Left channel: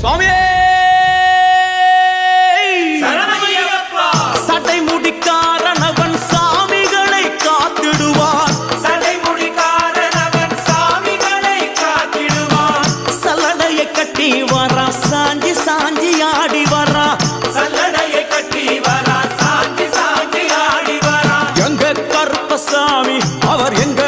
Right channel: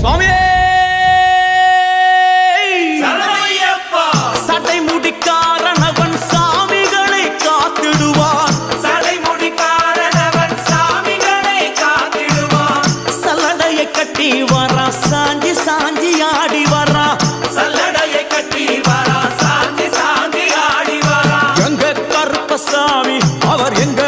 சுவாமியே சடை முடிக்காரனவன் சாமிகளை காத்திடுவான். சல்லடையை கட்டி வரா சாஞ்சி சாஞ்சி ஆடி வரா. எங்க கருப்பசாமி அவர் எங்க